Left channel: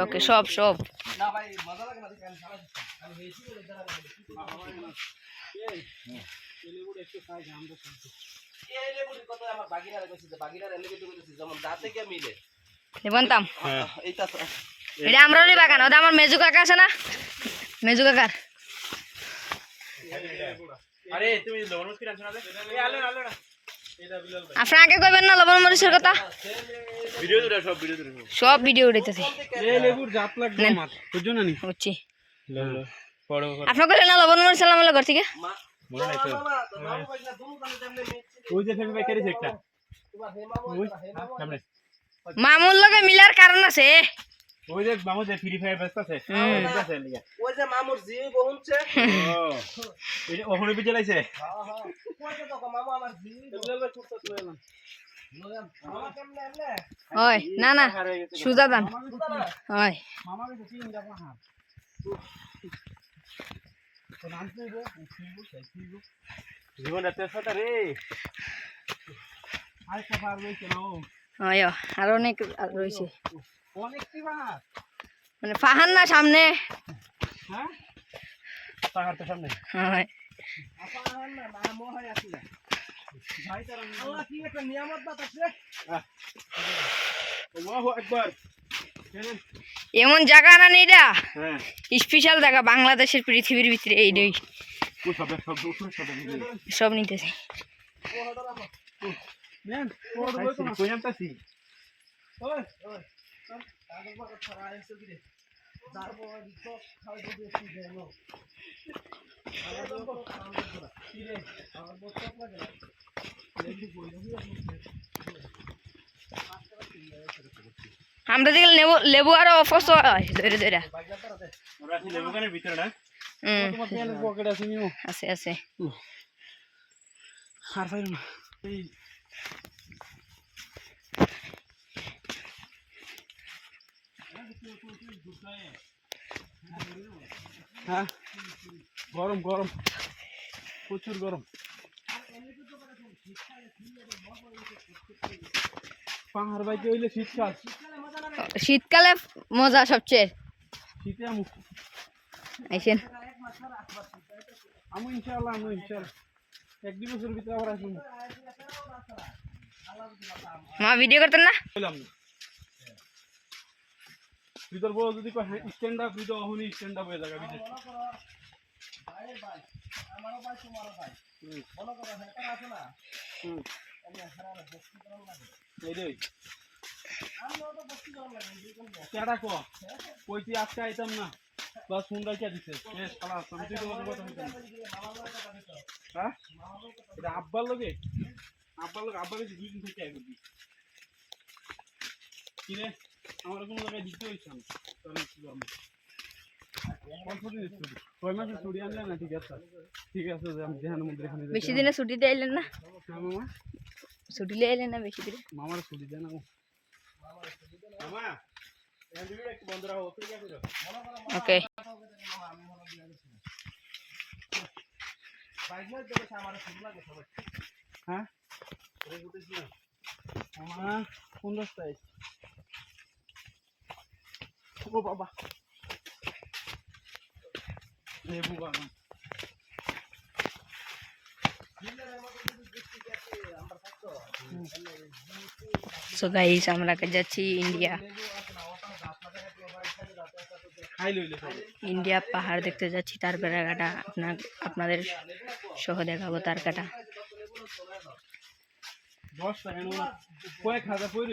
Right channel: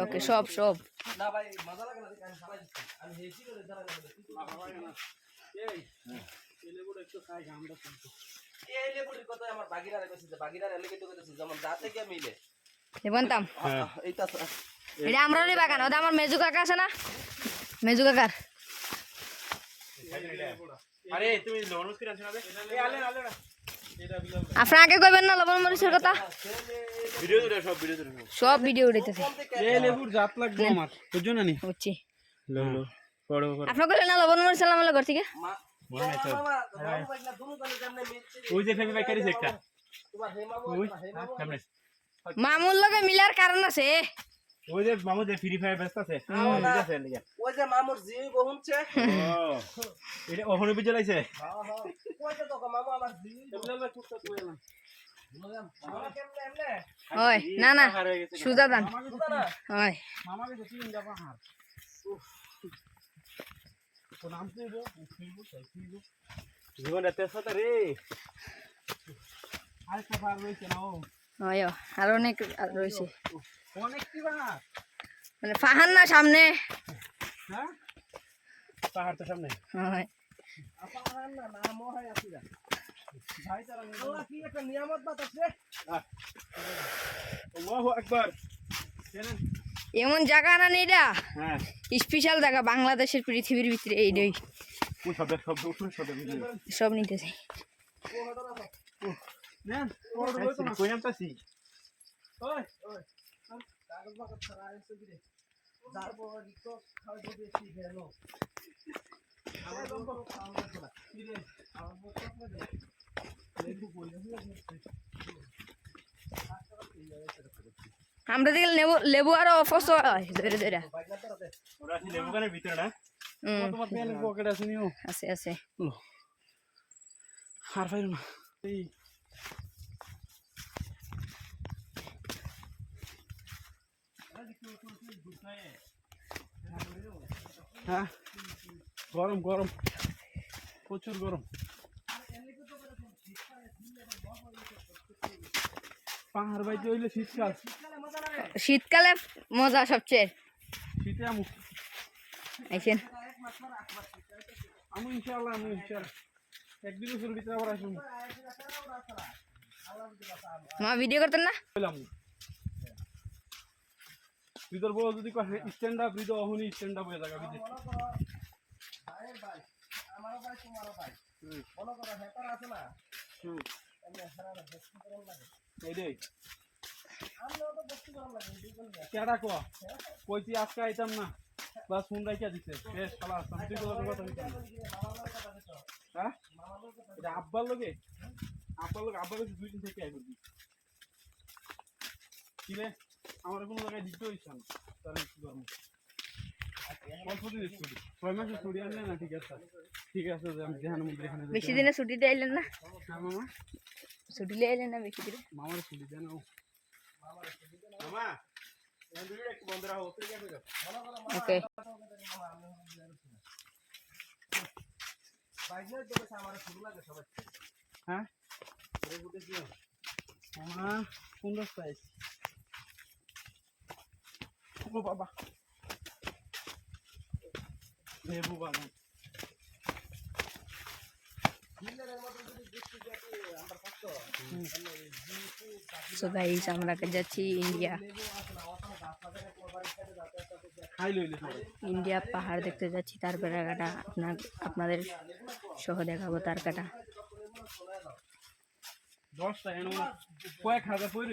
ওকে সব সব। না ভাই মজা লাগে না দেখে আমি সালাই দিচ্ছি। আমি হেসি করে দাঁড়া এই লেবুটির কথা আমার বাগিরারে কইছি যে বাগিরারে লেগে তো কইছি যেমন যা থেকে মিলে। বনতাম হ্যাঁ। এইটা এটা আমরারই বাগান ওটা আমার মেজু কাকা আছে না? মেজু কাকার। আরে তুমি না। আপনি আগে কইবেন না লবণ মরিচের কথা? সব ভিডিও দুটো সব। ভিডিও উঠাইতেছে এই লেবুর জাত লাগবে আমার বুঝছ। আপনি কইলেন না লবণ মরিচ আলাম ঘর থেকে? মামুর লগে মিলার কারণ আছে। ওই যে মামু যে ফ্রি ফায়ার ব্যস্ত আছে। হুম। ঠিক আছে লিগা। ওই যে মামুর জি বহুনছে ও এটা ওখানে বিজে লাইছে? হ্যাঁ হ্যাঁ। হয় না না সুজা দান। হয় রে? আর অনেক রয়েছে। অনেক কি বা মানে ফাহান না সামনে? হ্যাঁ? পাহাড় তো সামনে। হয় এমন জায়গা না এটা হ্যাঁ। স্পেশাল জায়গা বাংলাদেশের পৃথিবীর ভিতরে এইটাই শব্দ বুঝলি সব নিতেছে। নেন আমার দেখলে লেবু লেবু আরও অফস হয় ধরে ধরে। আছি লেবুকানের ভিতরে না হুম। পকেট আছে নিও আছে আছে। আর ফাইল এই হ্যাঁ? গরম গরম। প্রচুর গরম। পাহাড় বাইতে হইলে শীতকাল। শীতকালে মজা সবচেয়ে। শীতে আমু। আইসেন। আমু ইনশাআল্লাহ আমু ইনশাআল্লাহ। এক দুই বছর ভিতরে আবার আসুন। মা ভিডিও করতেন না? বললাম তুই তোর বউ যদি স্ট্যান্ড আপ তো অহনি স্ট্যান্ড আপ হয়ে যাবে বিদেশ ভাইয়ের ভাই আমারও ভাই তোমারও ভাই। করো হ্যাকার আছে না? আজকে আইতাম না। বা ফোন রাইখা দিছে। শেষ পালা আসতাম তুই তো কথা হইতাম হ্যাঁ? এটা আব্বার লগে? আব্বার লগে আব্বার কাছে দুই দিন থেকে আই করবি আমার কোনো জায়গায় দিতে হইছে না। তাহলে কি করব? ছুটি। বেশি দিনে ছুটিতে আইলেন না? হ্যাঁ মামা। ছুটি লিয়ে আইলেন না বেশি দিনে? মামার ছুটি দেয় না ও মামা এখান থেকে একটু বন্ধ রাখো ঠিক আছে তো ওকে। হ্যাঁ? কোন ও বাবা। লেবু বাগান সো গাইস আমরা যাচ্ছি ইন্ডিয়া ইন্ডিয়া পাহাড় দেখতে যাচ্ছি তার বেড়াঘাটা আপনার আপনাদের সহ দেখাবো তার কাটা। দশটা কয়েক হাজার পুরা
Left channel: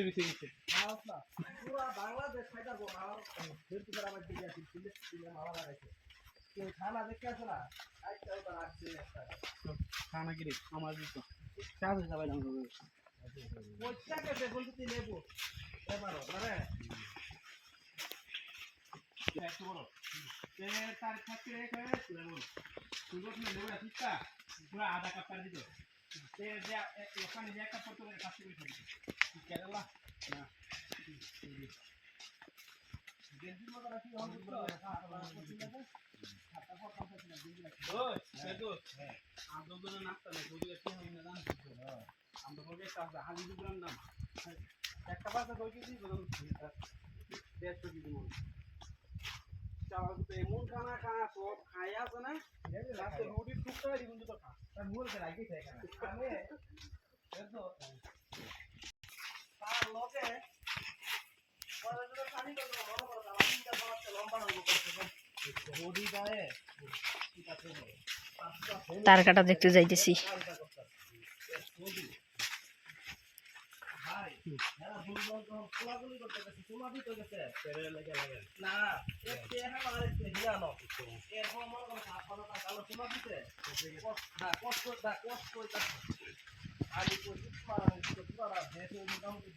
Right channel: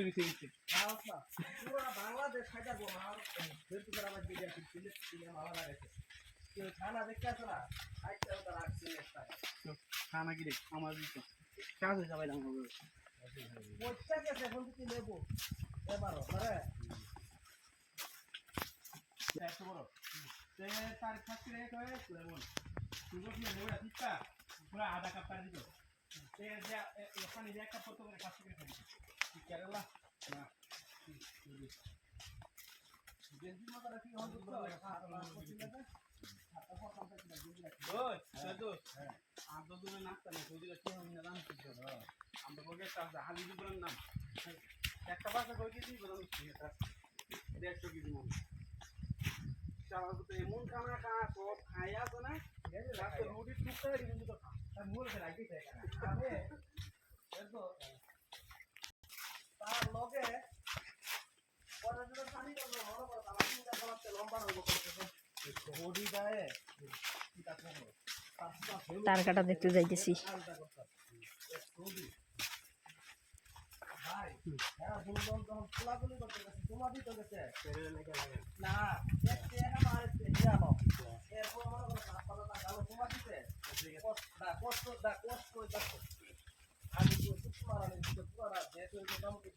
বাংলাদেশ কেউ খানা দেখতে আসে না? আইটাও তো রাখছি একটা। খানা কি রে? আমার দিত কাজে সবাই দাম হবে পয়সা কেটে বলতে তুই নেব এবারও ধরে একশো বড় তে তার থাকতে রেখে তুলে বল তুই বল না নেবে ঠিকটা পুরো আধা কাপ পার দিত ওখানে যে একটা ফটো কাজ করে দিত কেরালা না গেঞ্জির মতো রাখি হল একটা বাসা কই কেজি দেড়শো কেজি মন। চাওয়া এমন খানা খানা, সব খাই আছে না? লাস্টে রুটির টুকটা কিন্তু তো খা। মূল কে রাখি থাকে আমি এতো তার লগে পরে যদি পানি তো মনে করো তার তিনটা বলাতে লম্বা হইব করতে হোডি গায়ে কিটা করব তার কাটা দেখতে যাইতেছি। মোটামুটি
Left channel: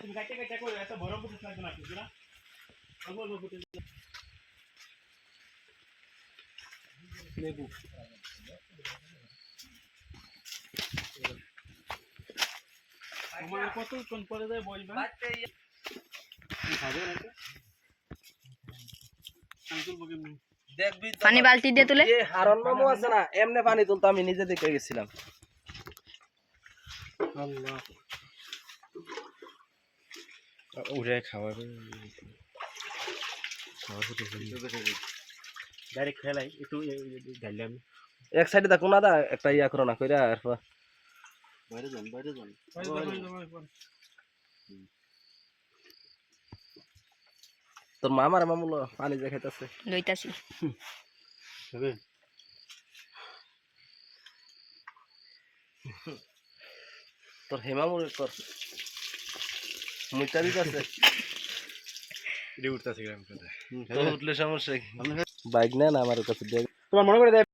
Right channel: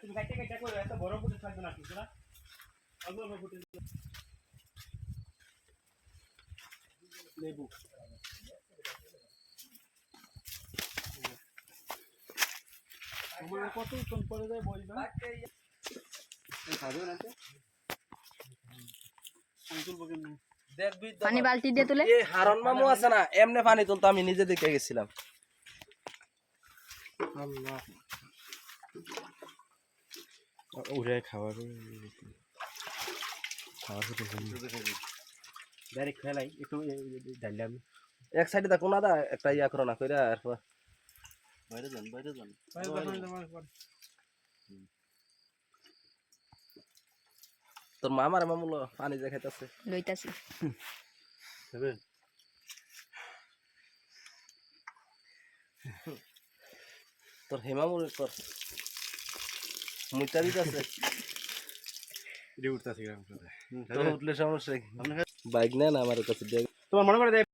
তুমি কাটতে কাটতে কই এত বড় বুঝে থাকবে না কিছু না অল্প অল্প ফুটে লেবু। তোমার কতক্ষণ পরে যায় বসবে বাচ্চা খাবে না তো আমি তুলবো কেমনি? দেখবি তো। পানি বালতি দিয়ে তুলে। হারন মামু আছে না এমনে পানি তুলতো আমি নিজে দেখে গেছিলাম। আল্লাহ। উড়ে খাওয়া খাওয়া ডাইরেক্ট খেলাই একটু এক সাইডে দেখো না দা একটা ইয়া করো না কইরা এরপর বাইরে যান বাইরে যান। তোর মামার মামুলো পানি যে খাইতেছে। লইতাছি। হবে তোর হেমামুর কর মুইটা দিতেছে। এটা উঠতেছে গ্রাম কথা তো উঠলে সমস্যা বাইক নেন আমার কাছে। তোমার মনে করে দেয়